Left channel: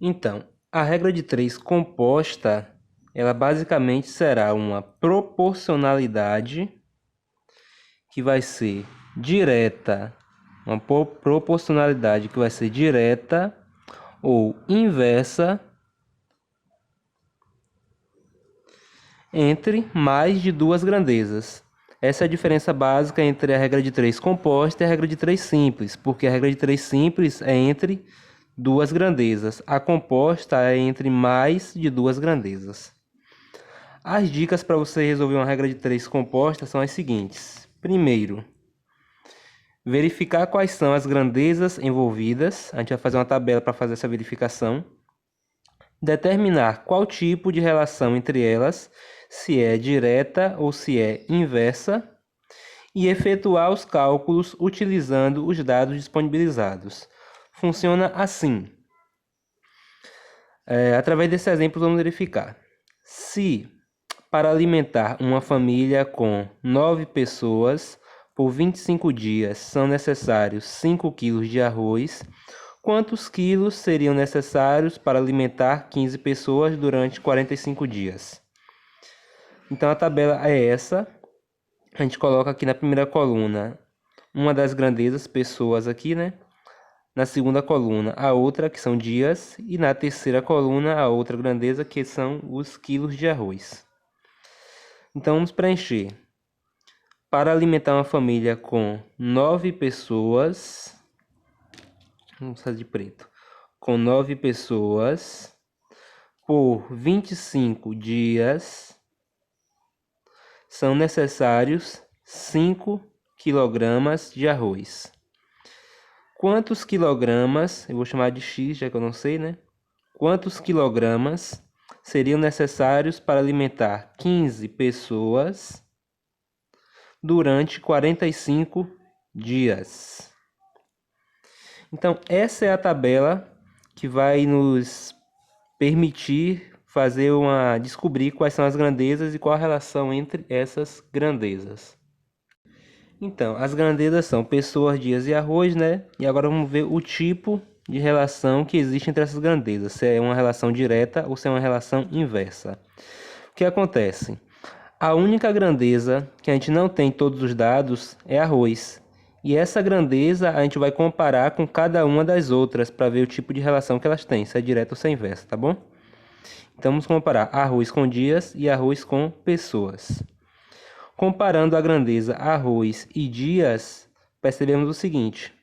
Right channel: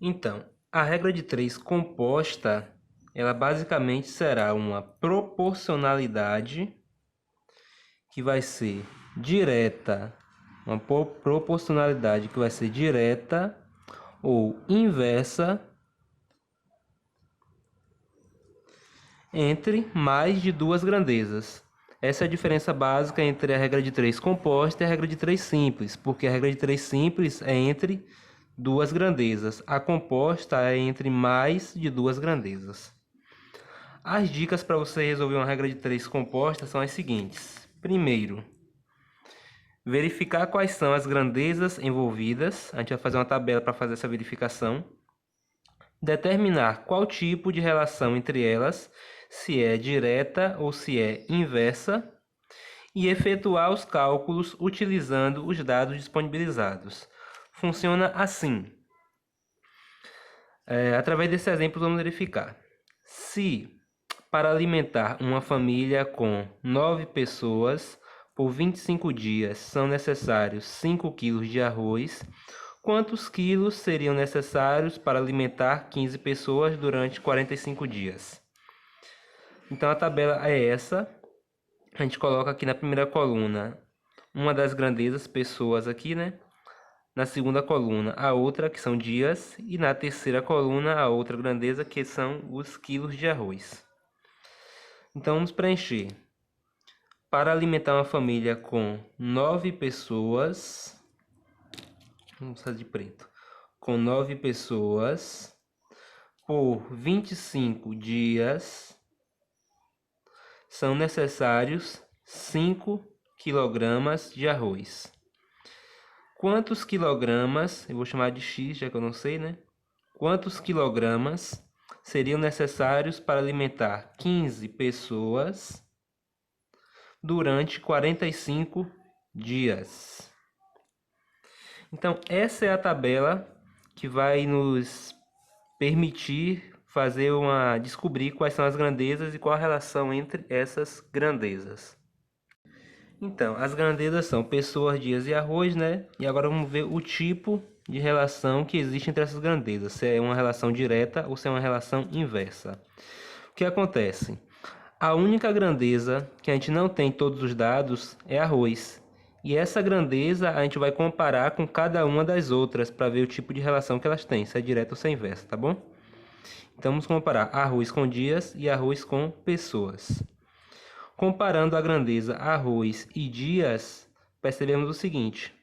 Então, a regra de 3 composta, ela basicamente será uma proporcionalidade que vai ser direta, uma proporcionalidade que vai ser direta ou inversa entre mais de duas grandezas. Essa é a diferença básica entre a regra de 3 composta e a regra de 3 simples, porque a regra de 3 simples é entre duas grandezas, a composta é entre mais de duas grandezas. As dicas para você resolver uma regra de 3 composta são as seguintes. Primeiro, verificar quais são as grandezas envolvidas. A gente vai fazer uma tabela para fazer essa verificação. Determinar qual tipo de relação entre elas, se é direta ou se é inversa. E efetuar os cálculos utilizando os dados disponibilizados. Funciona assim. Através desse exemplo, vamos verificar. Se para alimentar uma família com 9 pessoas por 25 dias são necessários 5 kg de arroz, quantos quilos seriam necessários para alimentar 15 pessoas durante 45 dias? Então a tabela é essa. A gente coloca aqui na primeira coluna uma das grandezas, pessoas aqui, né? Na segunda coluna a outra, que são dias, e na terceira coluna a outra grandeza, que são os quilos de arroz. Então vamos preencher. Para alimentar uma família com 9 pessoas, vamos fazer de preto, com 9 pessoas, por 25 dias, são necessários 5 quilogramas de arroz. Quantos quilogramas, eu vou chamar de X, já que eu não sei, né? Quantos quilogramas seriam necessários para alimentar 15 pessoas durante 45 dias? Então, essa é a tabela que vai nos permitir descobrir quais são as grandezas e qual a relação entre essas grandezas. Então, as grandezas são pessoas, dias e arroz, né? E agora vamos ver o tipo de relação que existe entre essas grandezas. Se é uma relação direta ou se é uma relação inversa. O que acontece? A única grandeza que a gente não tem todos os dados é arroz. E essa grandeza a gente vai comparar com cada uma das outras para ver o tipo de relação que elas têm, se é direta ou se é inversa, tá bom? Então vamos comparar arroz com dias e arroz com pessoas. Comparando a grandeza arroz e dias, percebemos o seguinte.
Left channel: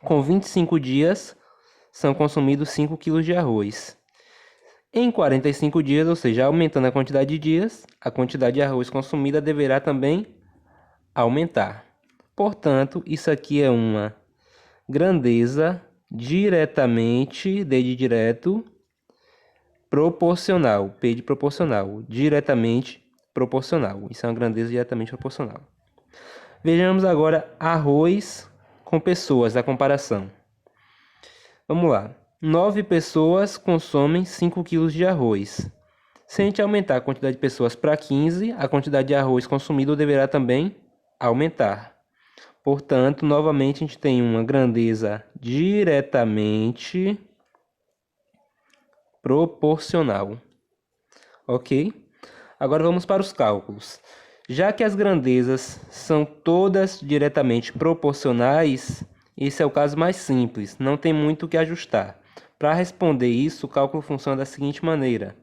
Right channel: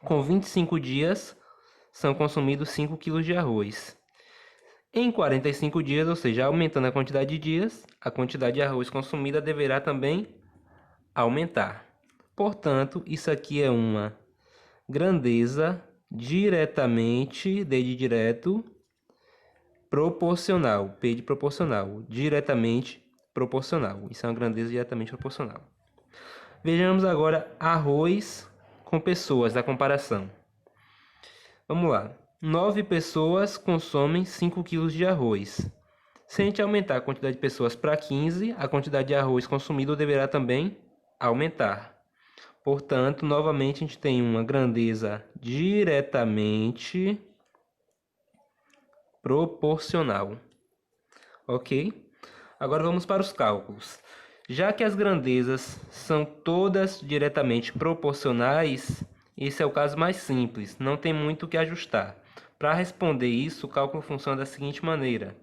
Com 25 dias, são consumidos 5 kg de arroz. Em 45 dias, ou seja, aumentando a quantidade de dias, a quantidade de arroz consumida deverá também aumentar. Portanto, isso aqui é uma grandeza diretamente, D de direto, proporcional, P de proporcional, diretamente proporcional. Isso é uma grandeza diretamente proporcional. Vejamos agora arroz com pessoas, a comparação. Vamos lá. 9 pessoas consomem 5 kg de arroz. Se a gente aumentar a quantidade de pessoas para 15, a quantidade de arroz consumido deverá também aumentar. Portanto, novamente a gente tem uma grandeza diretamente proporcional. Ok? Agora vamos para os cálculos. Já que as grandezas são todas diretamente proporcionais, esse é o caso mais simples, não tem muito o que ajustar. Para responder isso, o cálculo funciona da seguinte maneira.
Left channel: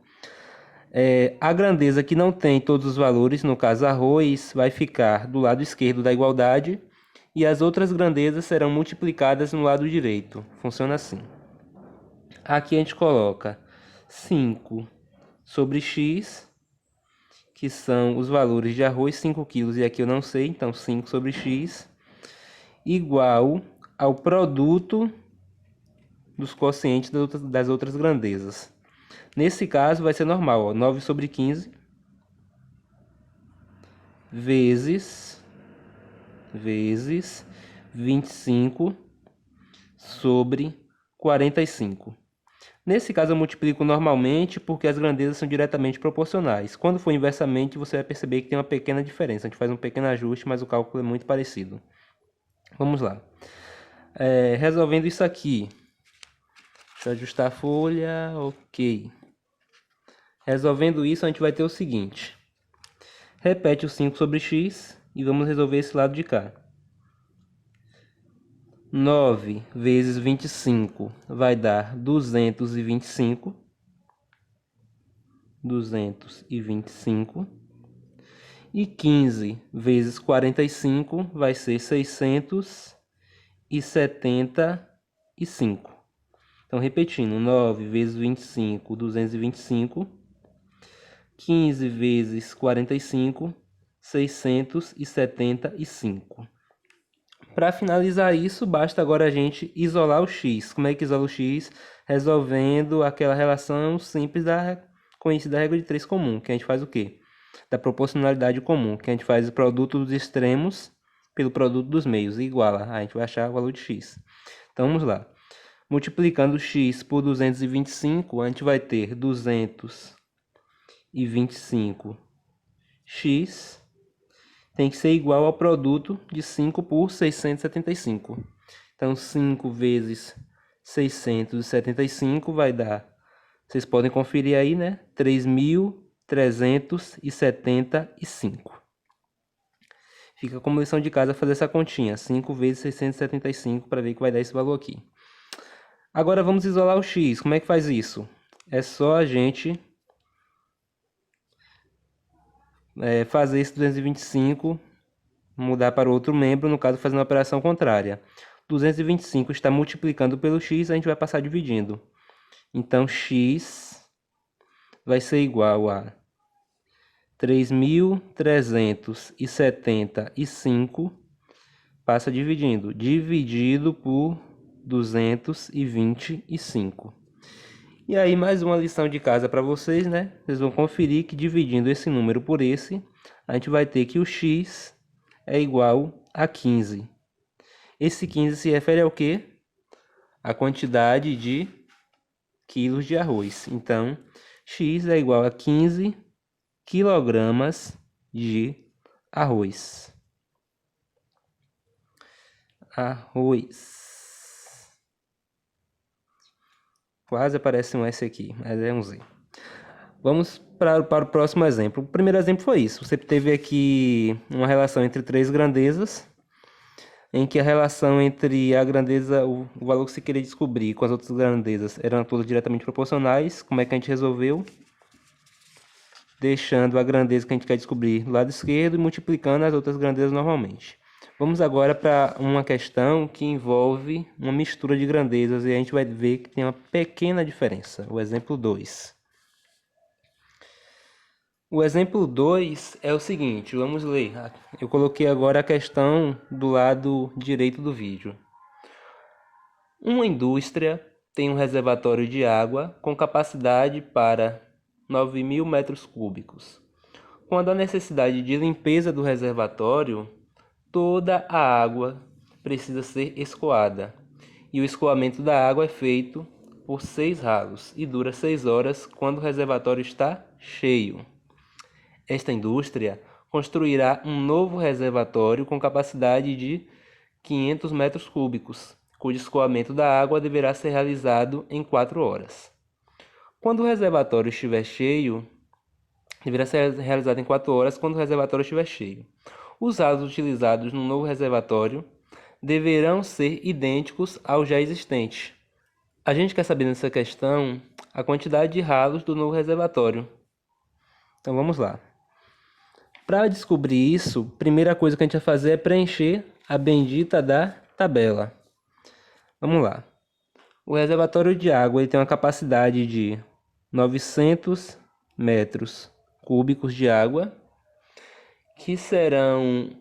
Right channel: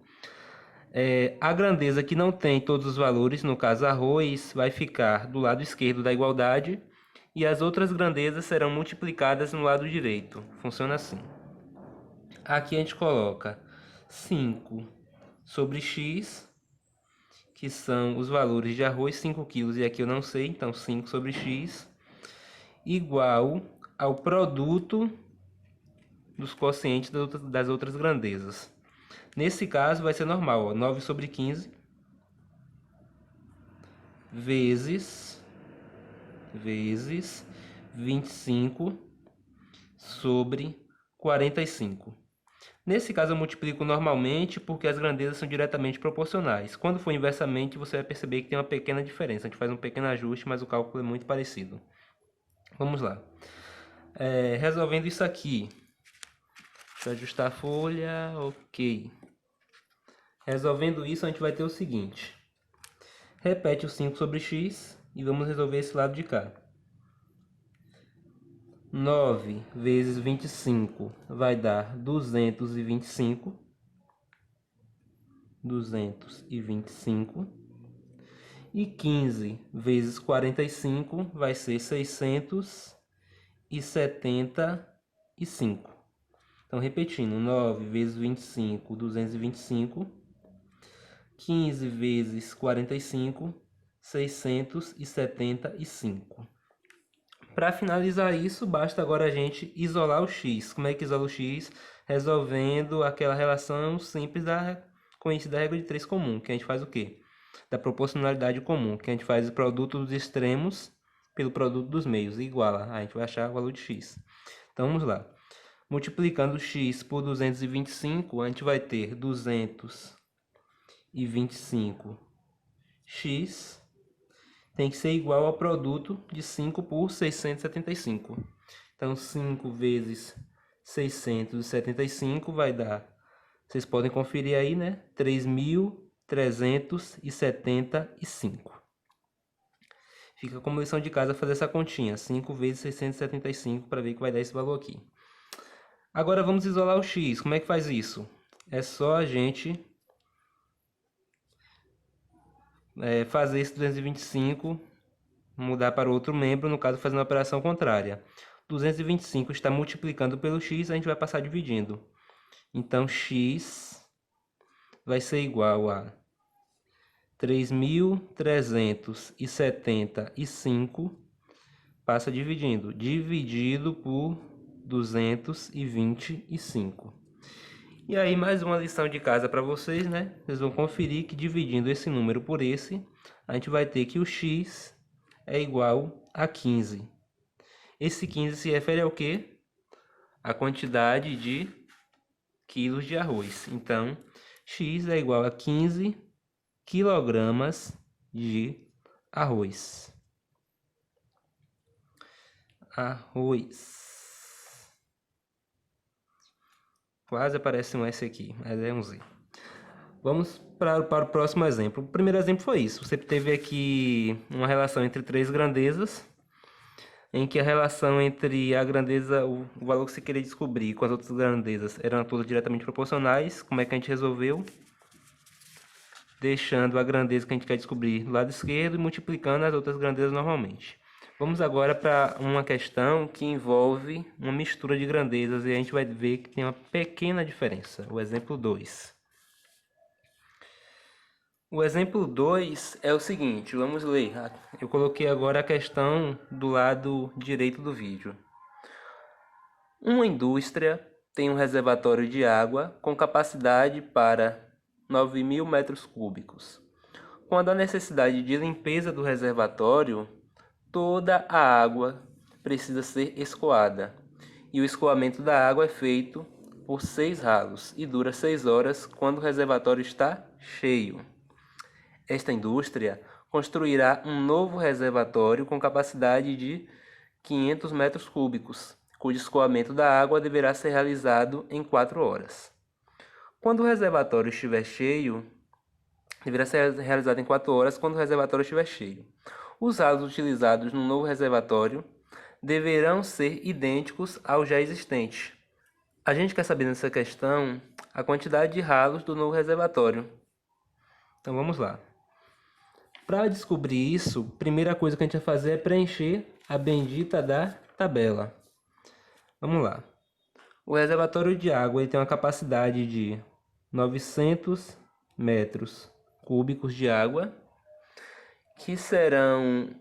A grandeza que não tem todos os valores, no caso arroz, vai ficar do lado esquerdo da igualdade e as outras grandezas serão multiplicadas no lado direito. Funciona assim. Aqui a gente coloca 5 sobre x, que são os valores de arroz, 5 kg, e aqui eu não sei, então 5 sobre x, igual ao produto dos quocientes das outras grandezas. Nesse caso vai ser normal, ó, 9 sobre 15 vezes 25 sobre 45. Nesse caso eu multiplico normalmente porque as grandezas são diretamente proporcionais. Quando for inversamente, você vai perceber que tem uma pequena diferença. A gente faz um pequeno ajuste, mas o cálculo é muito parecido. Vamos lá. Resolvendo isso aqui. Deixa eu ajustar a folha. Ok. Resolvendo isso, a gente vai ter o seguinte. Repete o 5 sobre x e vamos resolver esse lado de cá. 9 vezes 25 vai dar 225. 225. E 15 vezes 45 vai ser 675. Então, repetindo, 9 vezes 25, 225. 15 vezes 45, 675. Para finalizar isso, basta agora a gente isolar o x. Como é que isola o x? Resolvendo aquela relação simples conhecida da regra de 3 comum, que a gente faz o quê? Da proporcionalidade comum, que a gente faz o produto dos extremos pelo produto dos meios, e iguala. A gente vai achar o valor de x. Então, vamos lá. Multiplicando x por 225, a gente vai ter 225x tem que ser igual ao produto de 5 por 675. Então, 5 vezes 675 vai dar, vocês podem conferir aí, né? 3.375. Fica como lição de casa fazer essa continha. 5 vezes 675 para ver que vai dar esse valor aqui. Agora vamos isolar o x. Como é que faz isso? É só a gente fazer esse 225 mudar para outro membro, no caso fazendo a operação contrária. 225 está multiplicando pelo x, a gente vai passar dividindo. Então, x vai ser igual a 3.375, passa dividindo, dividido por 225. E aí, mais uma lição de casa para vocês, né? Vocês vão conferir que dividindo esse número por esse, a gente vai ter que o x é igual a 15. Esse 15 se refere ao quê? A quantidade de quilos de arroz. Então, x é igual a 15 quilogramas de arroz. Arroz. Quase aparece um S aqui, mas é um Z. Vamos para o próximo exemplo. O primeiro exemplo foi isso. Você teve aqui uma relação entre três grandezas, em que a relação entre a grandeza, o valor que você queria descobrir com as outras grandezas eram todas diretamente proporcionais. Como é que a gente resolveu? Deixando a grandeza que a gente quer descobrir do lado esquerdo e multiplicando as outras grandezas normalmente. Vamos agora para uma questão que envolve uma mistura de grandezas e a gente vai ver que tem uma pequena diferença. O exemplo 2. O exemplo 2 é o seguinte, vamos ler. Eu coloquei agora a questão do lado direito do vídeo. Uma indústria tem um reservatório de água com capacidade para 9.000 metros cúbicos. Quando há necessidade de limpeza do reservatório, toda a água precisa ser escoada. E o escoamento da água é feito por 6 ralos e dura 6 horas quando o reservatório está cheio. Esta indústria construirá um novo reservatório com capacidade de 500 metros cúbicos, cujo escoamento da água deverá ser realizado em 4 horas. Quando o reservatório estiver cheio, deverá ser realizado em 4 horas quando o reservatório estiver cheio. Os ralos utilizados no novo reservatório deverão ser idênticos ao já existente. A gente quer saber nessa questão a quantidade de ralos do novo reservatório. Então vamos lá. Para descobrir isso, a primeira coisa que a gente vai fazer é preencher a bendita da tabela. Vamos lá. O reservatório de água ele tem uma capacidade de 900 metros cúbicos de água, que serão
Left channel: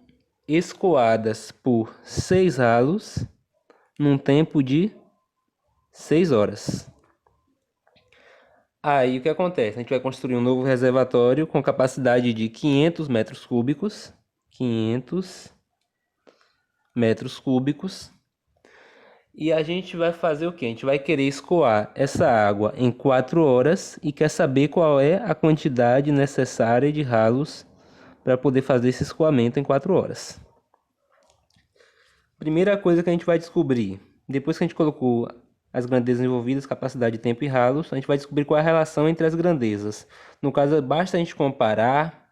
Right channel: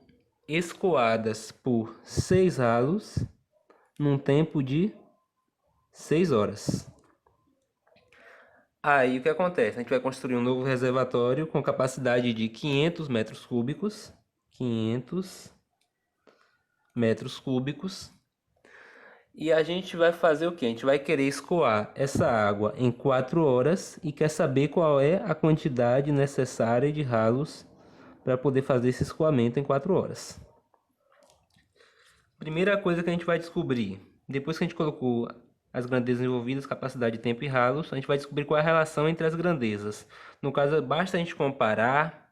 escoadas por 6 ralos num tempo de 6 horas. Aí o que acontece? A gente vai construir um novo reservatório com capacidade de 500 metros cúbicos. 500 metros cúbicos. E a gente vai fazer o quê? A gente vai querer escoar essa água em 4 horas e quer saber qual é a quantidade necessária de ralos para poder fazer esse escoamento em 4 horas. Primeira coisa que a gente vai descobrir, depois que a gente colocou as grandezas envolvidas, capacidade, tempo e ralos, a gente vai descobrir qual é a relação entre as grandezas. No caso, basta a gente comparar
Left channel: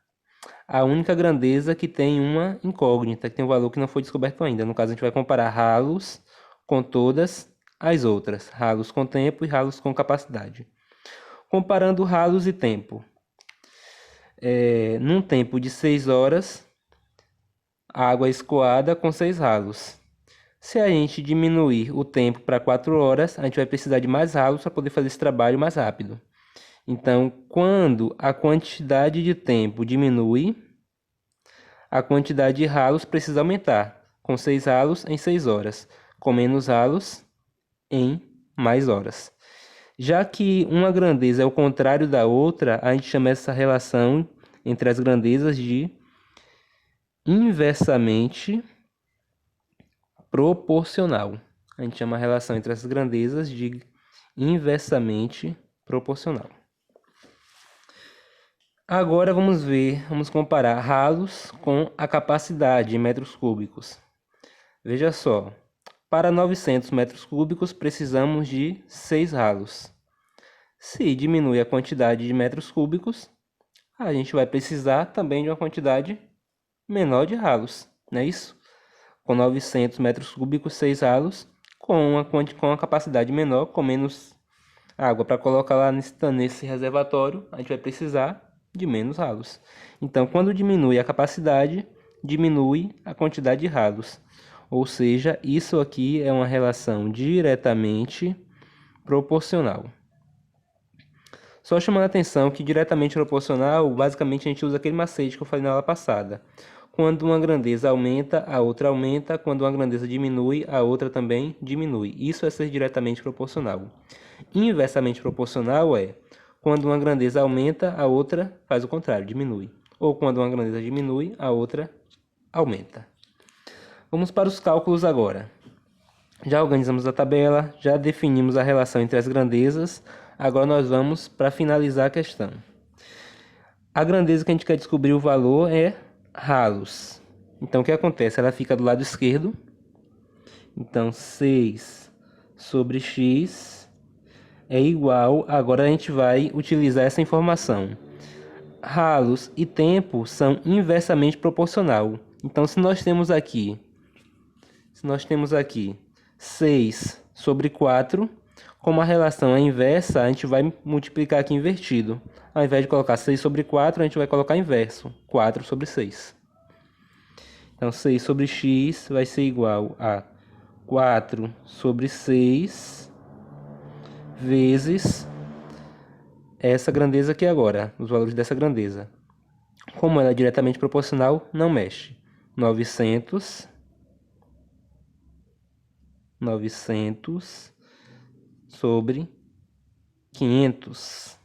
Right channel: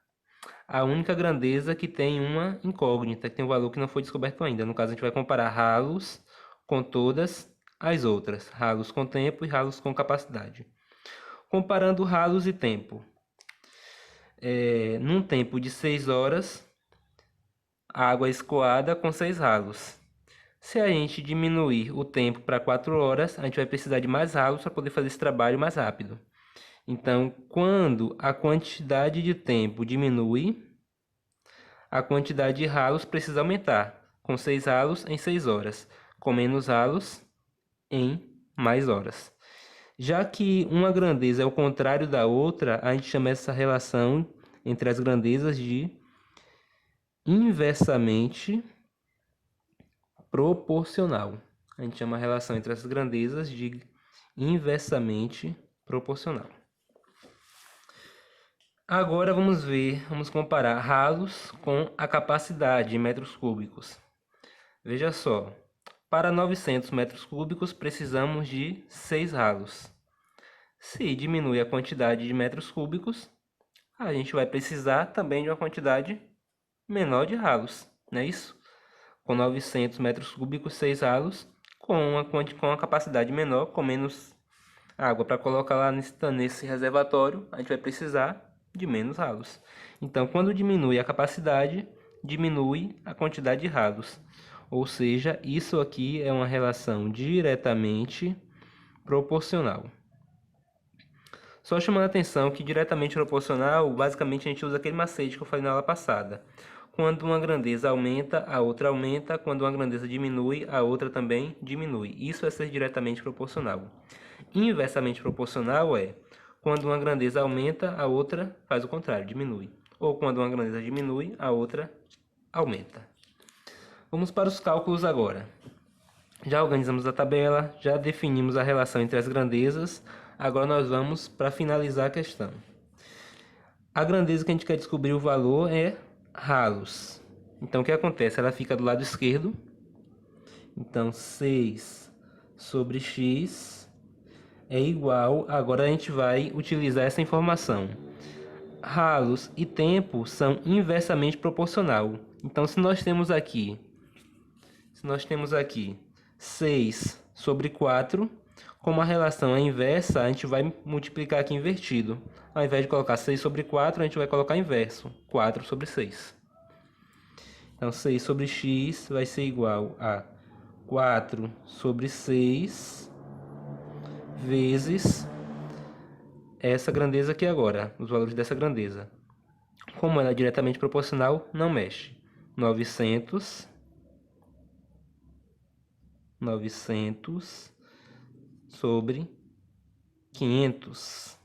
a única grandeza que tem uma incógnita, que tem um valor que não foi descoberto ainda. No caso, a gente vai comparar ralos com todas as outras, ralos com tempo e ralos com capacidade. Comparando ralos e tempo. Num tempo de 6 horas, a água é escoada com 6 ralos. Se a gente diminuir o tempo para 4 horas, a gente vai precisar de mais ralos para poder fazer esse trabalho mais rápido. Então, quando a quantidade de tempo diminui, a quantidade de ralos precisa aumentar, com 6 ralos em 6 horas, com menos ralos em mais horas. Já que uma grandeza é o contrário da outra, a gente chama essa relação entre as grandezas de inversamente proporcional. A gente chama a relação entre as grandezas de inversamente proporcional. Agora vamos comparar ralos com a capacidade em metros cúbicos. Veja só, para 900 metros cúbicos precisamos de 6 ralos. Se diminui a quantidade de metros cúbicos, a gente vai precisar também de uma quantidade menor de ralos, não é isso? Com 900 metros cúbicos, 6 ralos, com uma capacidade menor, com menos água para colocar lá nesse reservatório, a gente vai precisar de menos ralos. Então, quando diminui a capacidade, diminui a quantidade de ralos. Ou seja, isso aqui é uma relação diretamente proporcional. Só chamando a atenção que diretamente proporcional, basicamente a gente usa aquele macete que eu falei na aula passada. Quando uma grandeza aumenta, a outra aumenta. Quando uma grandeza diminui, a outra também diminui. Isso é ser diretamente proporcional. Inversamente proporcional é quando uma grandeza aumenta, a outra faz o contrário, diminui. Ou quando uma grandeza diminui, a outra aumenta. Vamos para os cálculos agora. Já organizamos a tabela, já definimos a relação entre as grandezas. Agora nós vamos para finalizar a questão. A grandeza que a gente quer descobrir o valor é ralos. Então o que acontece? Ela fica do lado esquerdo. Então 6 sobre x é igual. Agora a gente vai utilizar essa informação. Ralos e tempo são inversamente proporcional. Então se nós temos aqui 6 sobre 4, como a relação é inversa, a gente vai multiplicar aqui invertido. Ao invés de colocar 6 sobre 4, a gente vai colocar inverso, 4 sobre 6. Então 6 sobre x vai ser igual a 4 sobre 6 vezes essa grandeza aqui agora, os valores dessa grandeza. Como ela é diretamente proporcional, não mexe. 900 sobre 500.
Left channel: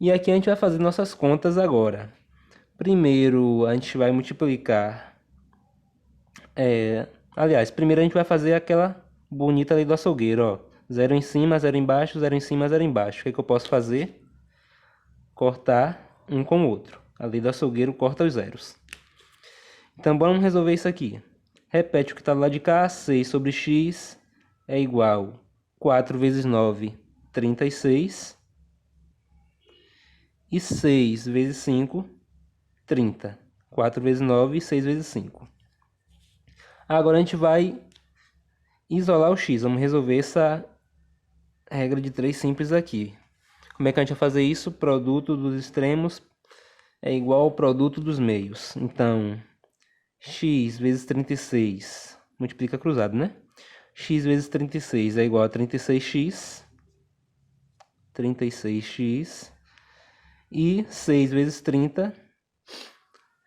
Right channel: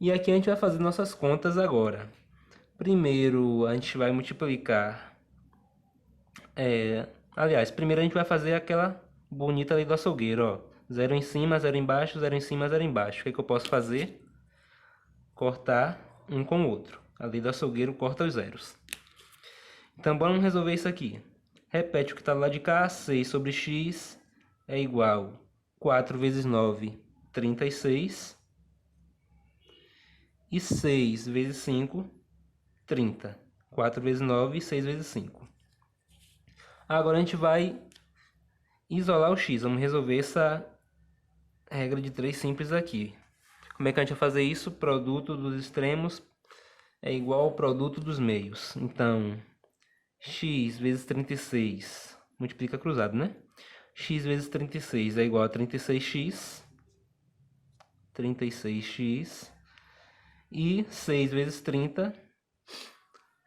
E aqui a gente vai fazer nossas contas agora. Primeiro a gente vai multiplicar. Primeiro a gente vai fazer aquela bonita lei do açougueiro, ó. 0 em cima, 0 embaixo, 0 em cima, 0 embaixo. O que é que eu posso fazer? Cortar um com o outro. A lei do açougueiro corta os zeros. Então vamos resolver isso aqui. Repete o que está do lado de cá. 6 sobre x é igual a 4 vezes 9, 36. E 6 vezes 5, 30. 4 vezes 9 e 6 vezes 5. Agora a gente vai isolar o x. Vamos resolver essa regra de 3 simples aqui. Como é que a gente vai fazer isso? Produto dos extremos é igual ao produto dos meios. Então, x vezes 36, multiplica cruzado, né? X vezes 36 é igual a 36x. 36x. E 6 vezes 30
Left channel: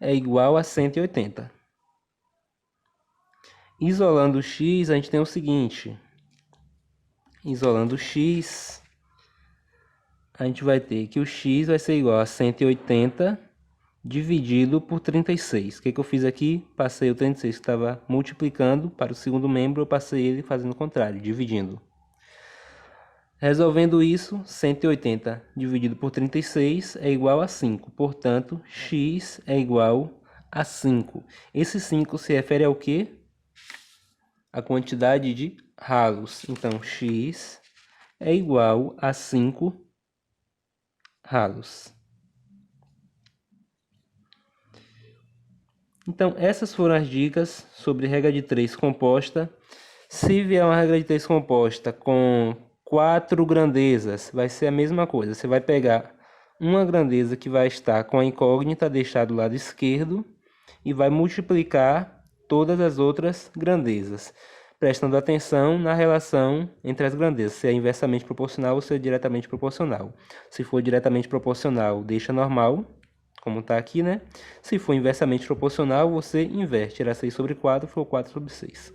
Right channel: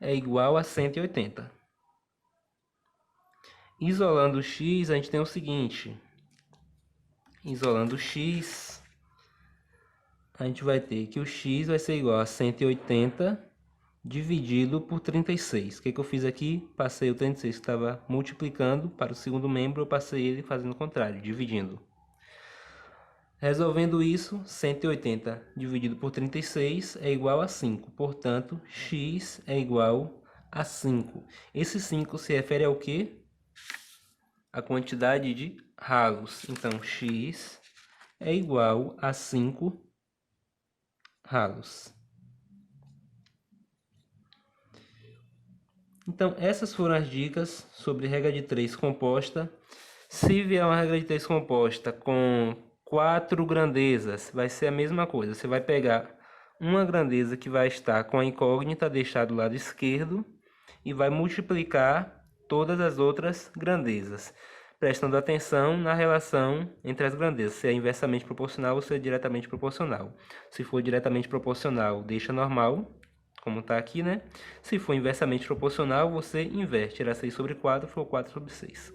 é igual a 180. Isolando o x, a gente tem o seguinte. Isolando o x, a gente vai ter que o x vai ser igual a 180 dividido por 36. O que eu fiz aqui? Passei o 36 que estava multiplicando para o segundo membro, eu passei ele fazendo o contrário, dividindo. Resolvendo isso, 180 dividido por 36 é igual a 5. Portanto, x é igual a 5. Esse 5 se refere ao quê? A quantidade de ralos. Então, x é igual a 5 ralos. Então, essas foram as dicas sobre regra de 3 composta. Se vier uma regra de 3 composta com 4 grandezas, vai ser a mesma coisa. Você vai pegar uma grandeza que vai estar com a incógnita deixada do lado esquerdo e vai multiplicar todas as outras grandezas, prestando atenção na relação entre as grandezas, se é inversamente proporcional ou se é diretamente proporcional. Se for diretamente proporcional, deixa normal, como está aqui, né? Se for inversamente proporcional, você inverte. Era 6 sobre 4, for 4 sobre 6.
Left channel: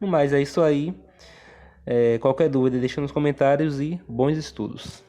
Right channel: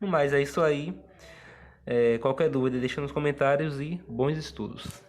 No mais, é isso aí. Qualquer dúvida, deixa nos comentários e bons estudos.